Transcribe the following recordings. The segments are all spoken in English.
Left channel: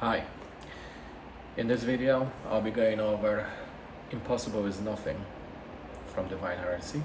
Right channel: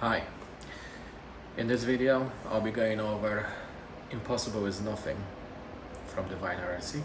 Hi, in this video I'll be going over Impossible is Nothing from Divine Heresy.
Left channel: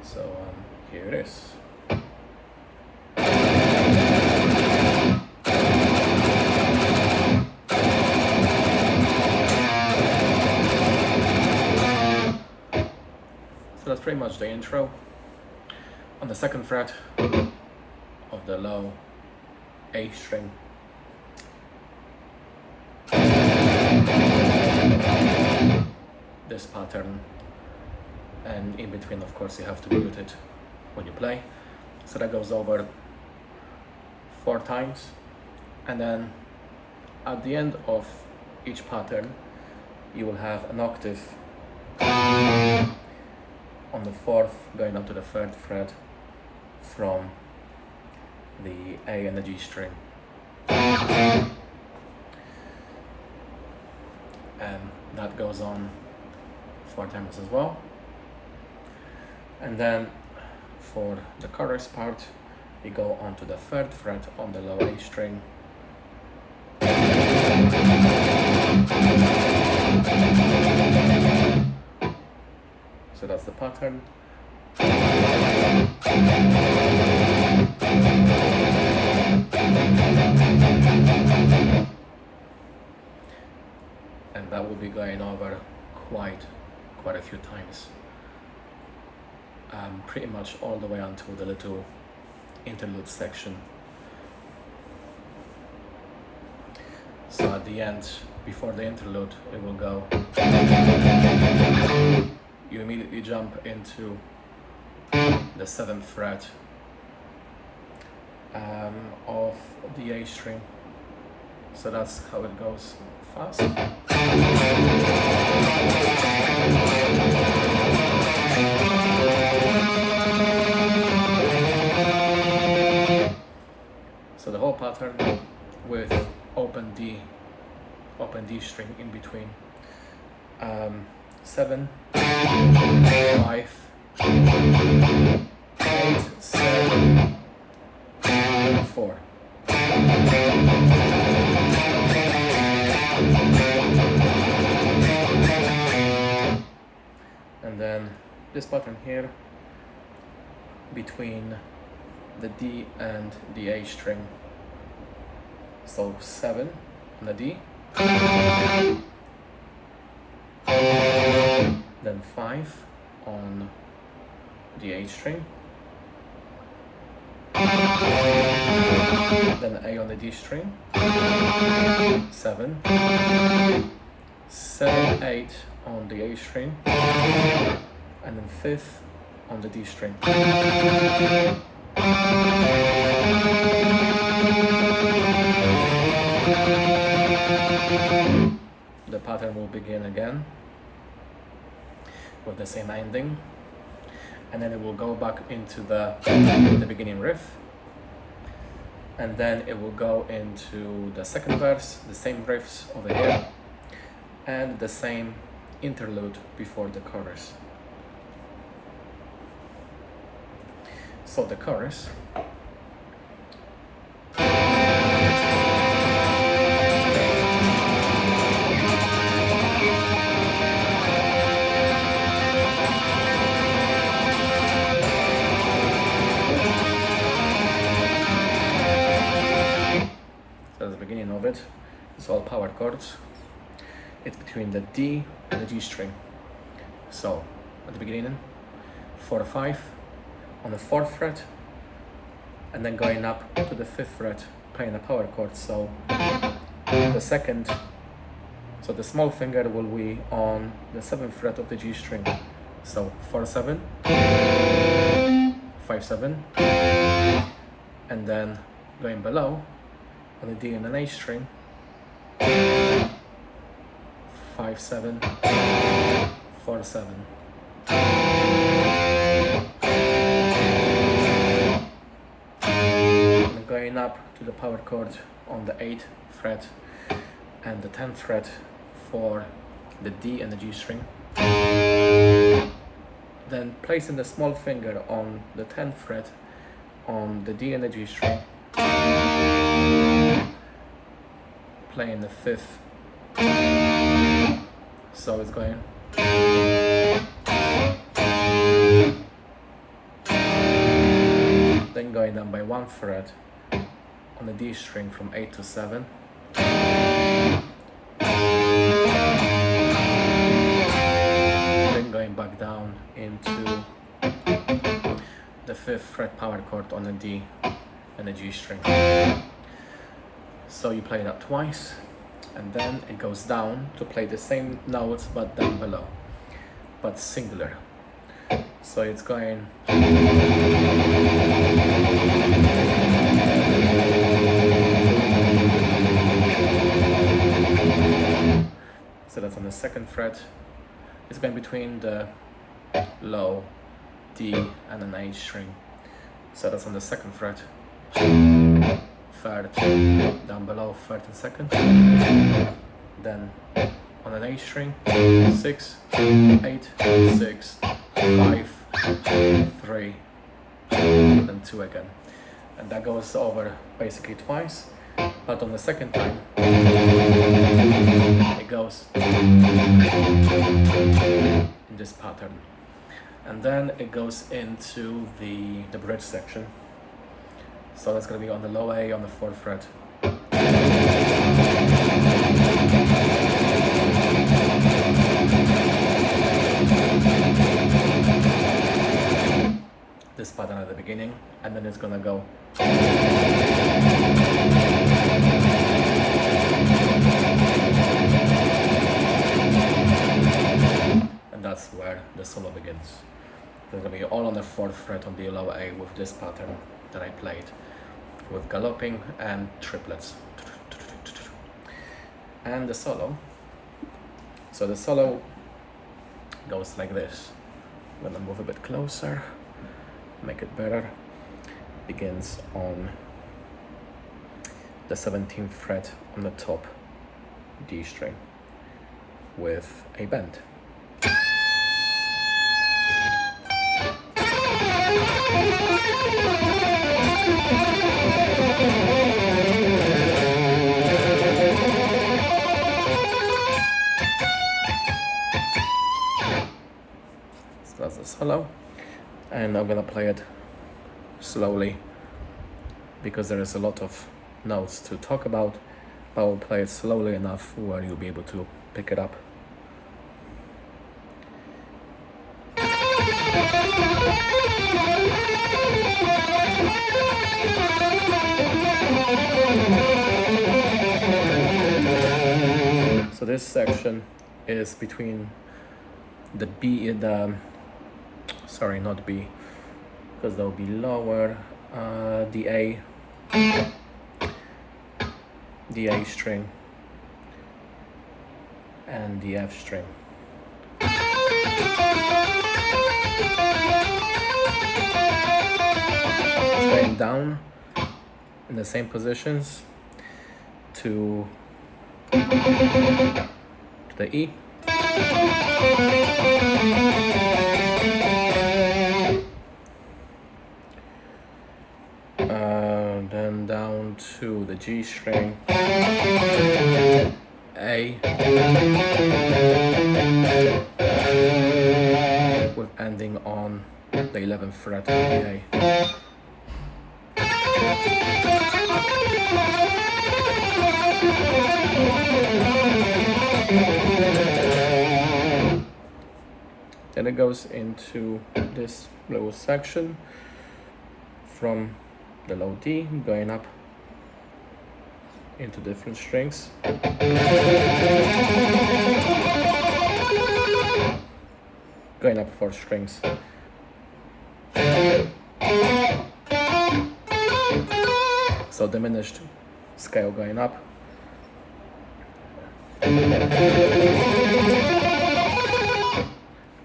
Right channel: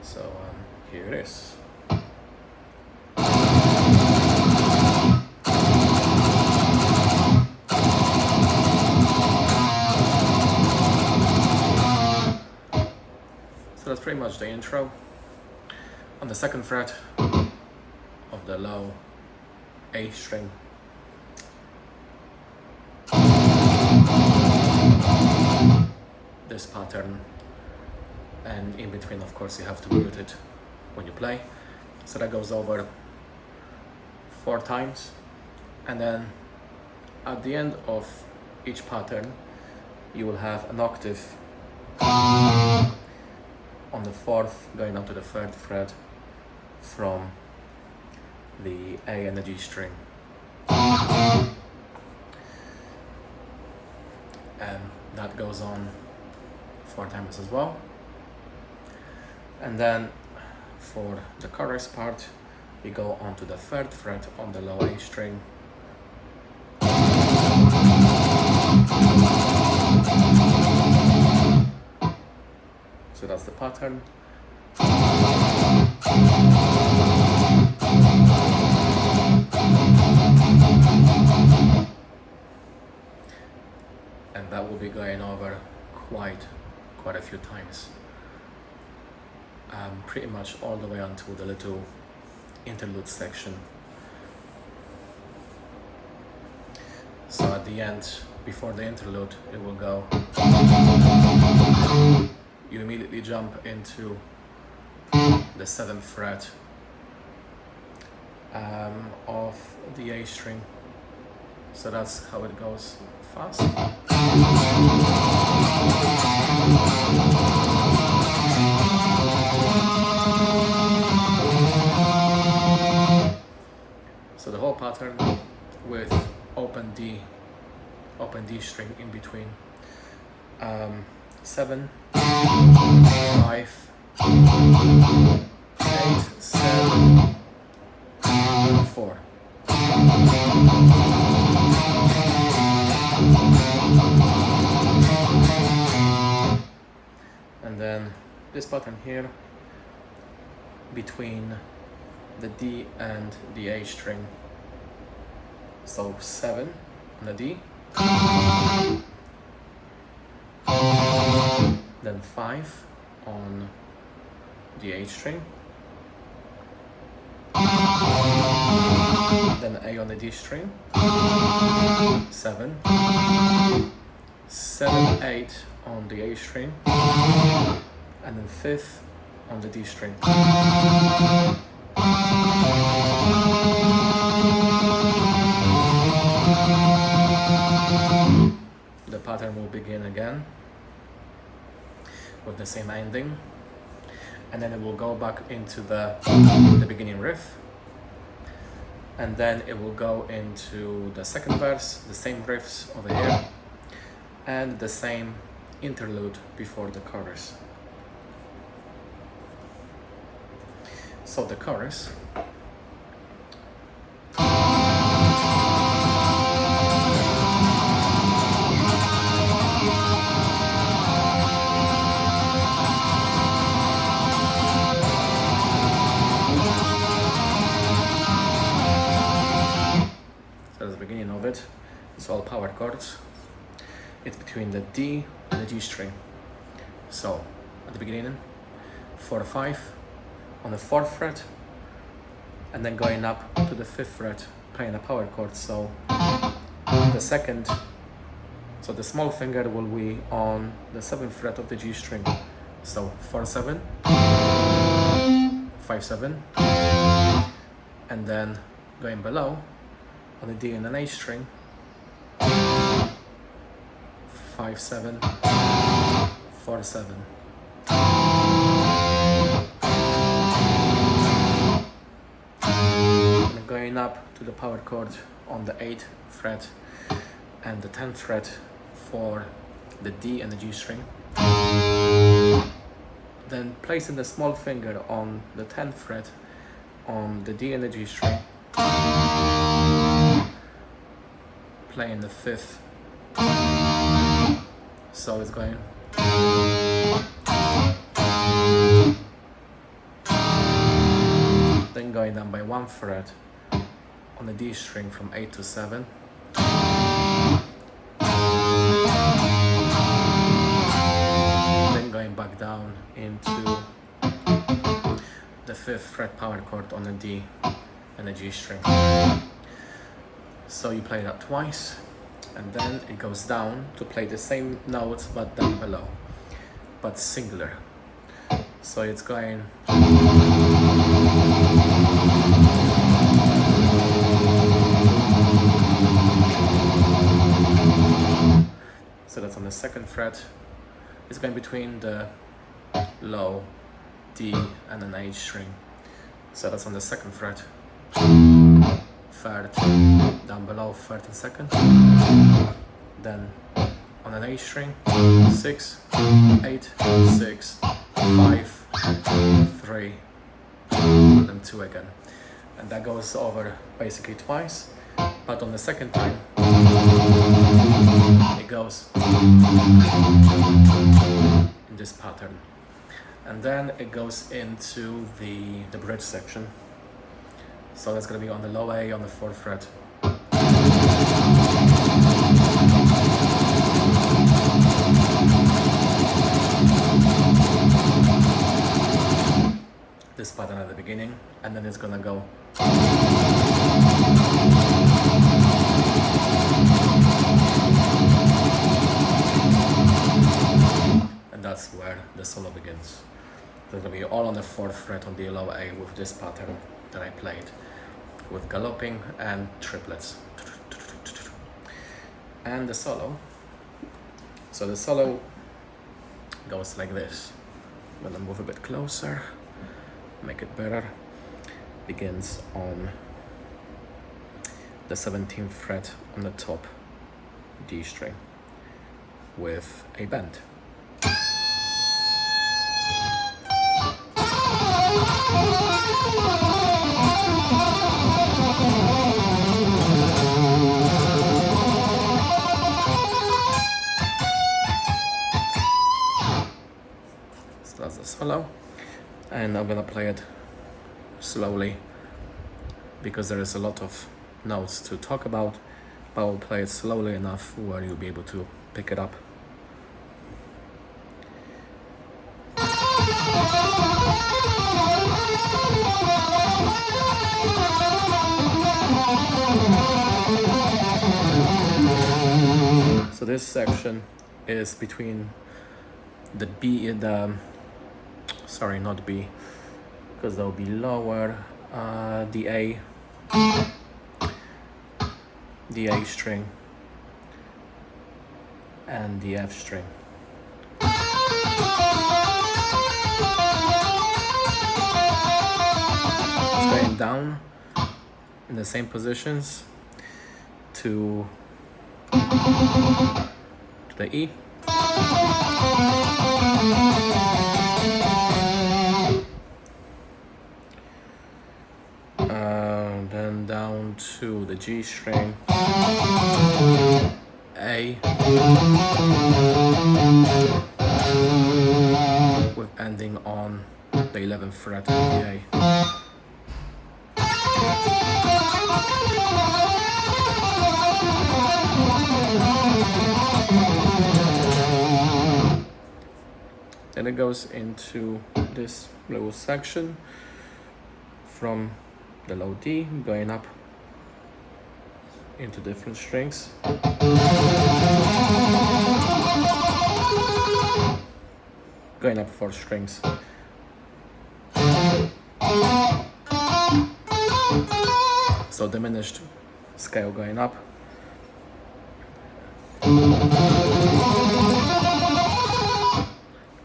So here it is. So that's pretty much the intro. On the second fret of the low A string, this pattern, and in between of course you have to mute it when you play, so that goes over 4 times, and then at the end of each pattern you will have an octave on the 4th going up to the 3rd fret from the A and the G string. And that goes on 4 times as well. And then for the chorus part, we go on to the 3rd fret on the low A string, so that's the pattern. And that will be going over quite a few times, pretty much all the way until the little interlude section. So at the end, before the interlude, it will go, you immediately jump into the 7th fret of the A string. So that's how it goes fast. So the whole pattern with open D string in between. 7, 5, 8, 7, 4. And then this pattern here between the D and the A string. So 7 on the D, then 5 on the A string, then A on the D string, 7, 7, 8 on the A string, and then 5th on the D string. The pattern will begin again with the same ending, and then it will go back into the beginning riff, and then it will go into the 2nd verse, the same riffs over here, and the same interlude before the chorus. So the chorus . So that's the beginning of it. It's all power chords. It's between the D and the G string. So at the beginning, 4, 5 on the 4th fret, and then going up to the 5th fret, playing a power chord. So the second, so the small finger will be on the 7th fret of the G string. So 4, 7, 5, 7, and then going below on the D and an A string, 5, 7, 4, 7. And going up to the power chord on the 8th fret and the 10th fret for the D and the G string. Then placing the small finger on the 10th fret on the D and the G string, playing the 5th, so it's going then going down by 1 fret on the D string from 8 to 7, then going back down into the 5th fret power chord on the D and the G string. So you play that twice, and then it goes down to play the same notes but down below, but singular. So it's going so that's on the 2nd fret. It's going between the low D and an H string. So that's on the 2nd fret, 3rd, down below 3rd and 2nd. Then on an H string, 6, 8, 6, 5, 3, then 2 again. And that goes over basically twice, but on the 2nd time, it goes in this pattern. And then it goes into the bridge section. So that's going to be on the low A on the 4th fret. This pattern at the beginning, and then it's going to go and that's where the solo begins. It's going to be all on the 4th fret on the low A with this pattern that I played, with galloping and triplets. And the solo. So the solo goes like this. I'm going to move a bit closer, make it better. Begins on the 17th fret on the top D string with a bend. So that's the solo, and I'm gonna play it slowly because there is a lot of notes to talk about, but I'll play it slowly enough where you'll be able to pick it up. So this section is between the B, sorry, not B, because that will be lower, the A string and the F string. It's going down in the same positions to the E, then down to the G string, A, with ending on the 11th fret of the A. Then it goes into this little section from the low D going up into different strings. Going up 4 strings. So diminished scale going up.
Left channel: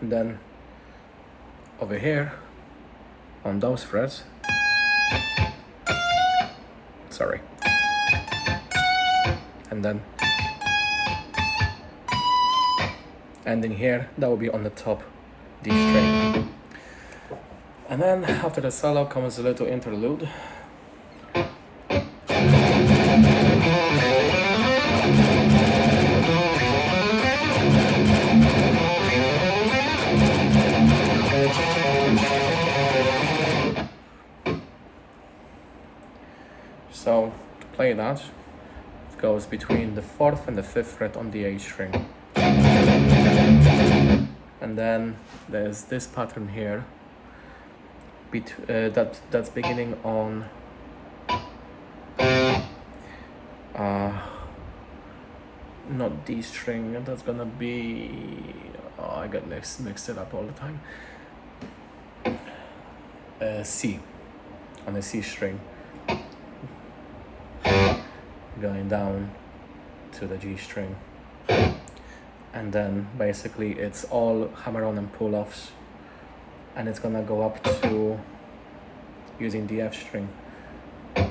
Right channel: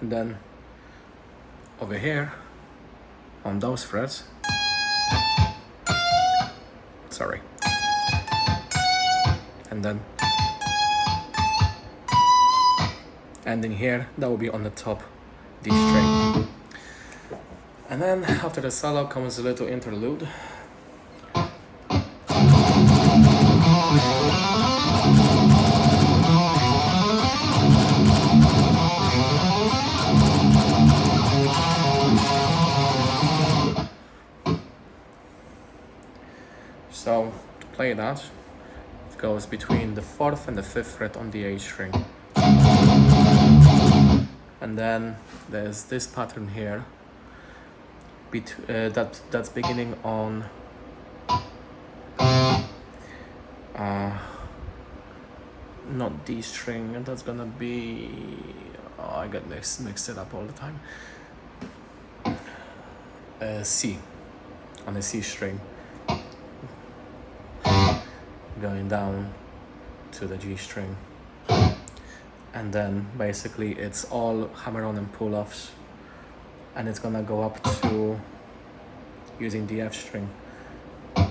And then over here on those frets, sorry, and then ending here, that will be on the top D string. And then after the solo comes a little interlude. So to play that, it goes between the 4th and the 5th fret on the A string. And then there's this pattern here that's beginning on not D string, and that's gonna be, oh, I get mixed it up all the time. C, on the C string, going down to the G string, and then basically it's all hammer-on and pull-offs, and it's gonna go up to using the F string.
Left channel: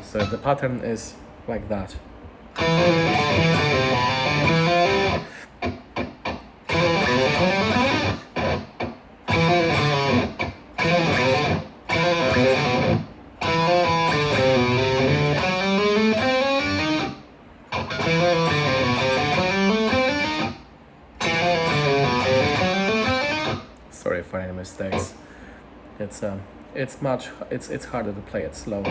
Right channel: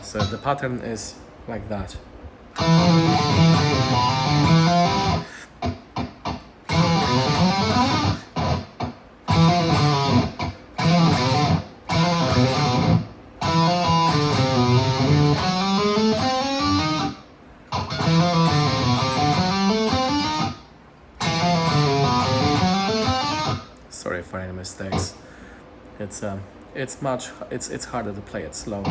So the pattern is like that. Sorry for any mistakes. It's harder to play it slow.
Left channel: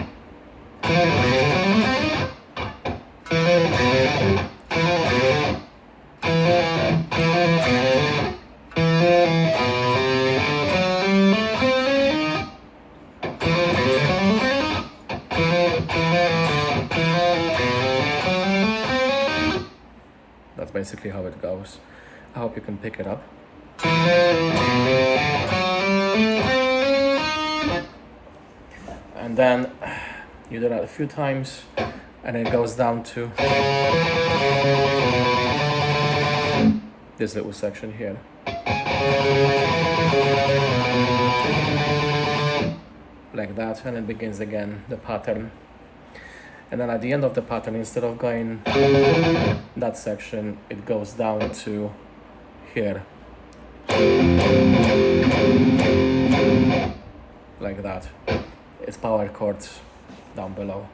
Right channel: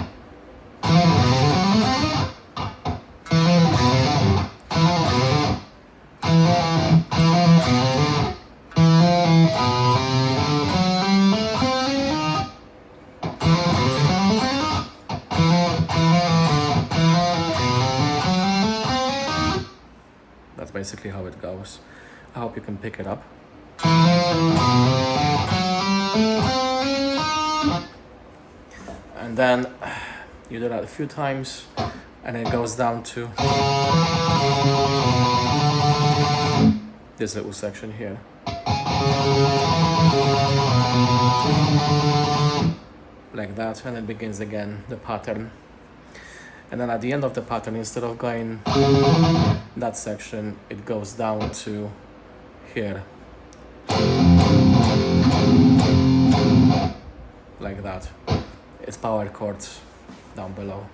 That's basically how it goes. I hope you can pick it up. And then you do that a few times, and it goes down to this little section here. Like that, and it begins again the pattern. And then at the end of the pattern, instead of going that section, it goes down to here. Like that. It's power chords down below.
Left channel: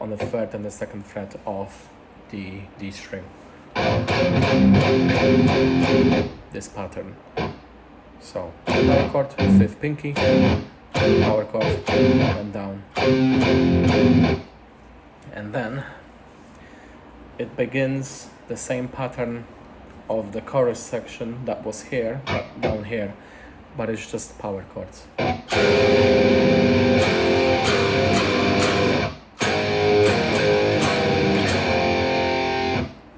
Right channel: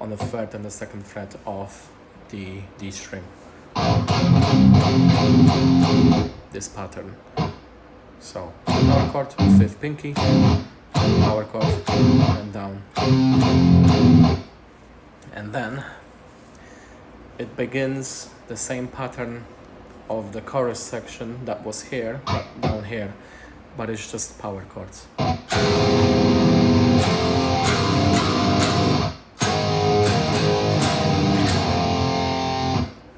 On the 3rd and the 2nd fret of the D string. This pattern. So, power chord, 5th pinky, power chord, and down. And then it begins the same pattern of the chorus section that was here, but down here, but it's just power chords.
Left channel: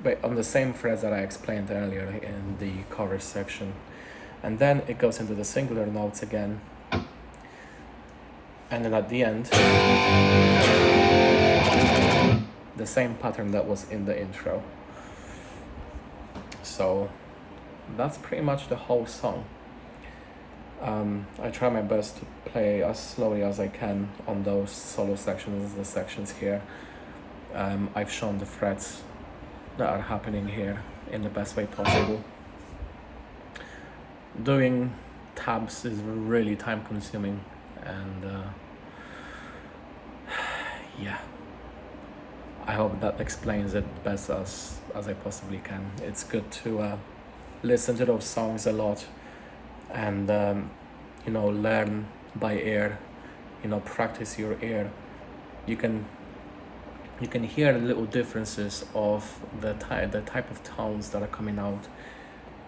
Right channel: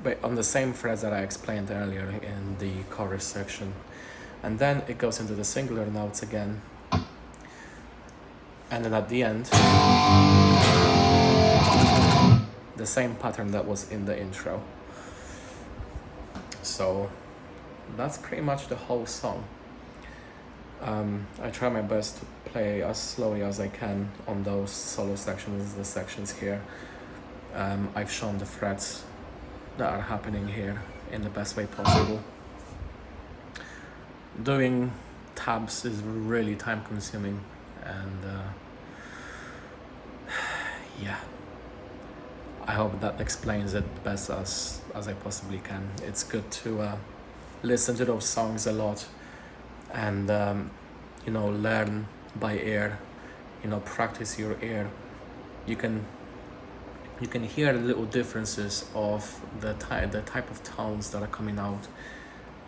But on the same frets that I explained earlier in the chorus section. And then it goes into the singular notes again. And then at the end, the same pattern that was in the intro. So that's pretty much the whole song. I try my best to play as slowly as I can on those solo sections, the sections here. I've shown the frets that are happening here in the best way possible. Doing tabs is really time consuming, and yeah, I hope that explains it best as I possibly can. It's good to listen to those songs a lot and you know, learn by ear, you know, practice your ear. You can hear little differences of the type of tones that are coming out.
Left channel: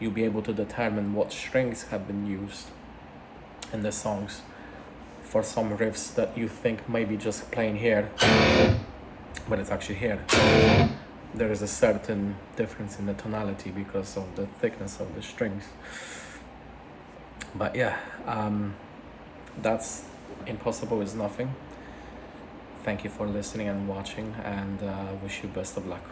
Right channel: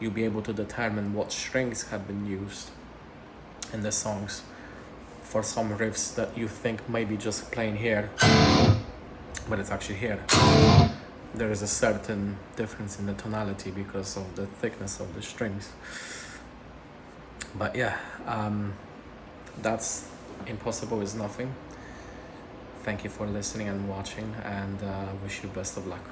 You'll be able to determine what strings have been used in the songs for some riffs that you think maybe just playing here, but it's actually here. There is a certain difference in the tonality because of the thickness of the strings. But yeah, that's Impossible Is Nothing. Thank you for listening and watching, and wish you best of luck.